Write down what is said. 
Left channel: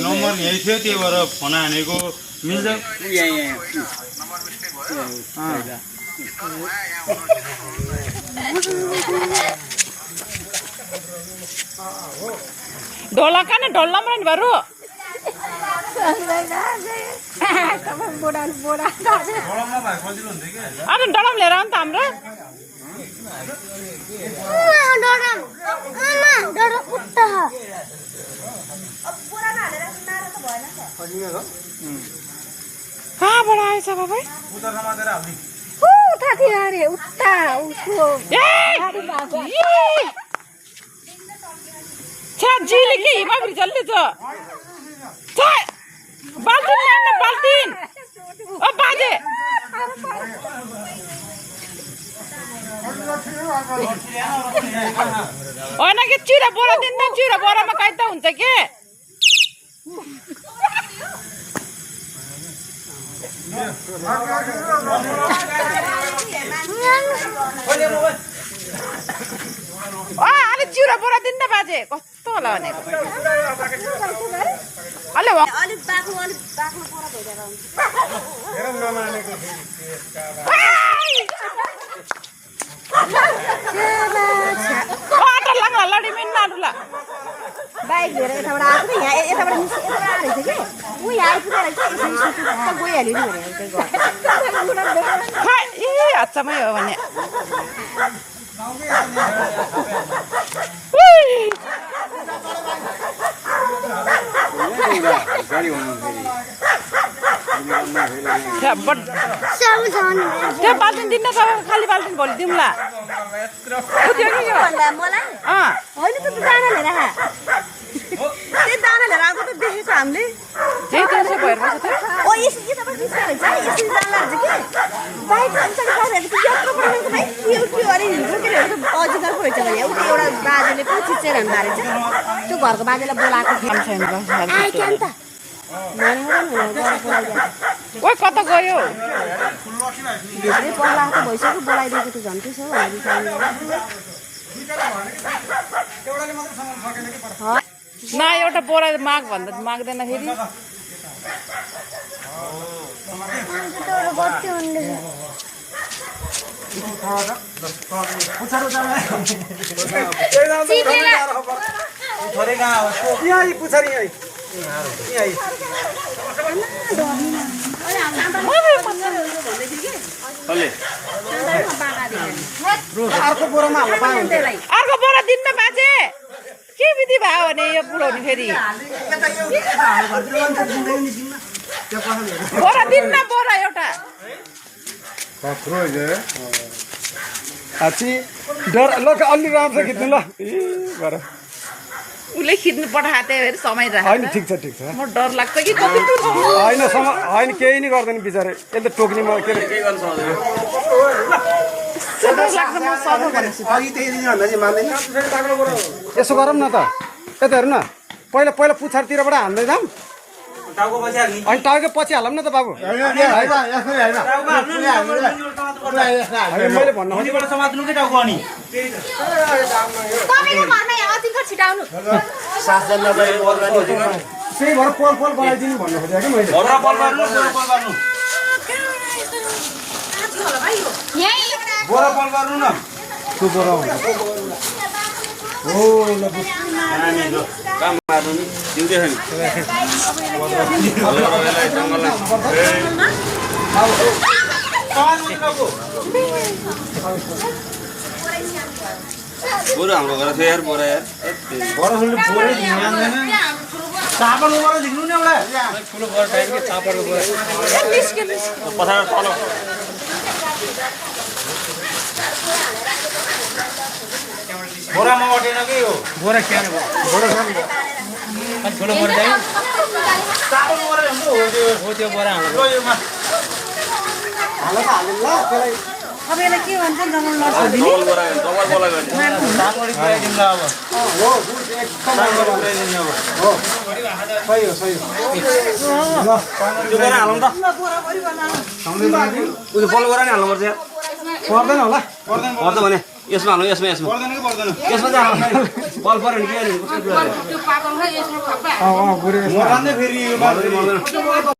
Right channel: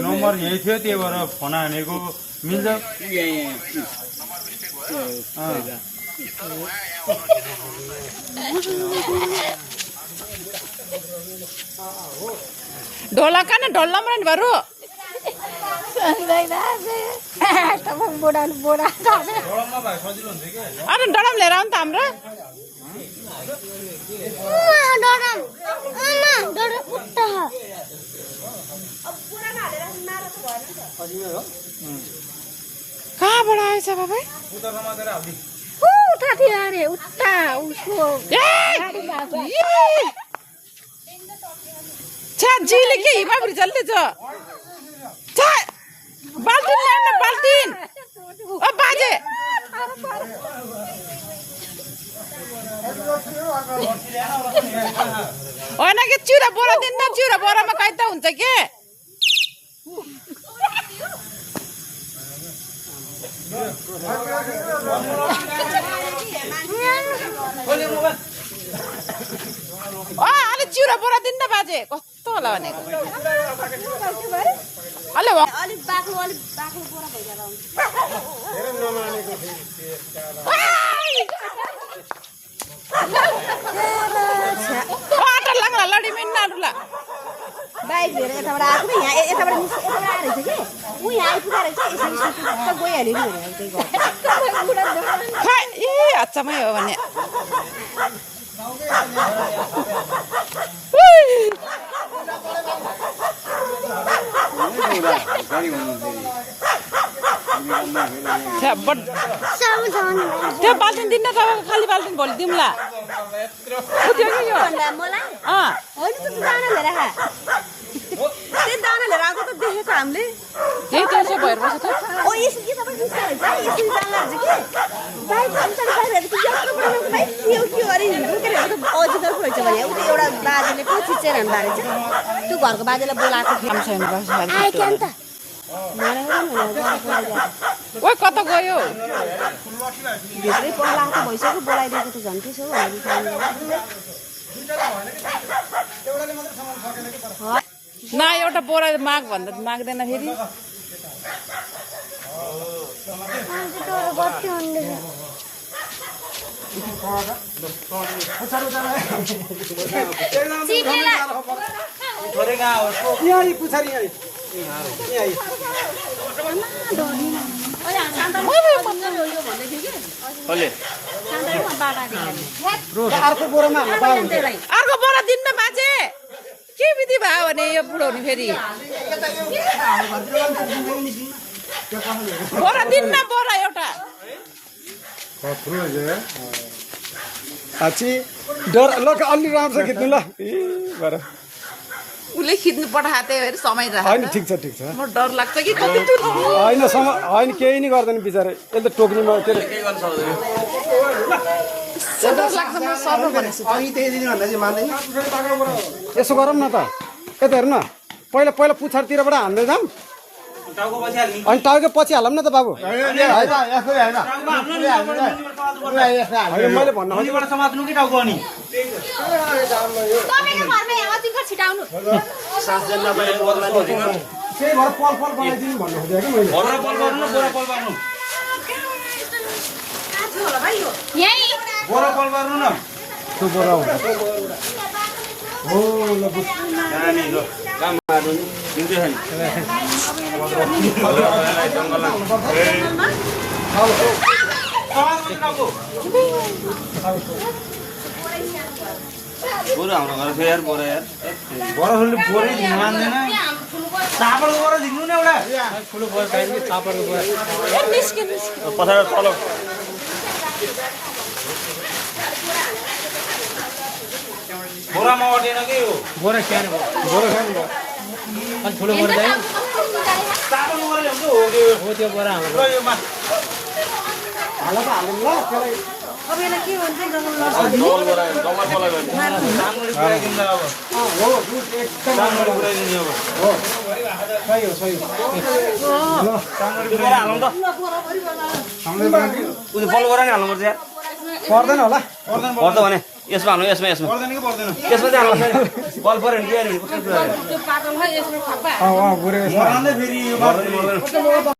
Number यही थियो त्यही भएर फोन हानेको मिल्छ ढोला का ढोल नम्बर बरु अनि डडम लिएर आउनु त हाम्रो कहाँबाट आएछ बाबा उता थियो अरे उता उसको झिली कि हिमाग्री जल्दी छ बाल्टिन ल्याउन बाल्टिन ओ बाजे होइन कि चिउरा बोरा दिन्न चिउरा बोरामा काइता हुन्छ के अलि चिउरा बोरा दिन्न बाजे कस्तो होला भनेको अलिक बाक्लो बोरा भइरहेको आटा लाग्ला लडी मिन्न आटुला बाइक लिएर यताबाट आएको नि यहाँ यताबाट आएको रहेछ कि ऊ यहाँ आइपुगेर चाहिँ गइहाल्यो नि भनेर ए हच्चामै हो भने त्यो बाल्टिन दिन्न खाली बाल्टिन भोलि दिउँला होइन त दाना लिएर त्यही दाना लिएर आएको त देखेको हामीले त्यही त्यसो भएर बसेको ओ यसरी दाना कि बाइक अरे अजिगर पो रहेछ भने एउटा बाजेले पो चिचेर हान्दा रहेछ त्यो घरको बाजेलाई बोलाएको ओ कता गयो भित्रै पल्ला त भइसक्यो बोलाइदिएको त झन् त्यसो न एउटा बोरा माग भन्दा माग्दैन फेरि अर्को बोरा दिन्न बाजे के विधि भयो भने यो बुढाउने फेरि बोरा दिन्न बोरा एउटा डर ल अलि राम्रो खिच्नु ल उसले खिच्नु पठाएको त्यही भएर समय होइन ठिक छ म डर लाग्छ कि होइन होइन केही नि गर्दैन बिचारे यसले त टोक्नीमा के अरे डर लाग्छ म सर्व भनेछु यसो गरौँ न त यता हेर्नु न पहिला पुछारतिरबाट हान्दै जाऊँ अनि टाउको पछि हालौँ न त बाबु मैले भन्नु बोरा हाम्रो घर छ यार बोरा बोरै ध्यान चापल बोरा दिनु न एउटा ठुलो बोरा टाइम के चापलको बोरा पछाडि तल बोरामा अटेन के हो बोरा के बोरा अनि ठुलो बोरा चाहिँ चापल बोरा हाम्रो हो त्यो बोरा हाम्रो हाल हाल्नु ल त्यसलाई अब यसलाई के भन्छ जङ्गल लड्छ डबल बोरा चापल पुऱ्याइदिनु अब हो सही हो सही हो ल त्यो बोरा हालौँ त सँगै बनाएको उयो बल बोरा नि हाल्नुपर्छ यार पर्दैन होला पर्छ भने यसमा हाल्नु यसमा यसमा यसमा चाहिँ हाल्नु बल पऱ्यो भने के गर्नु? त्यो पातल छ यसमा खप्पा बुढी मरान्दै फेरि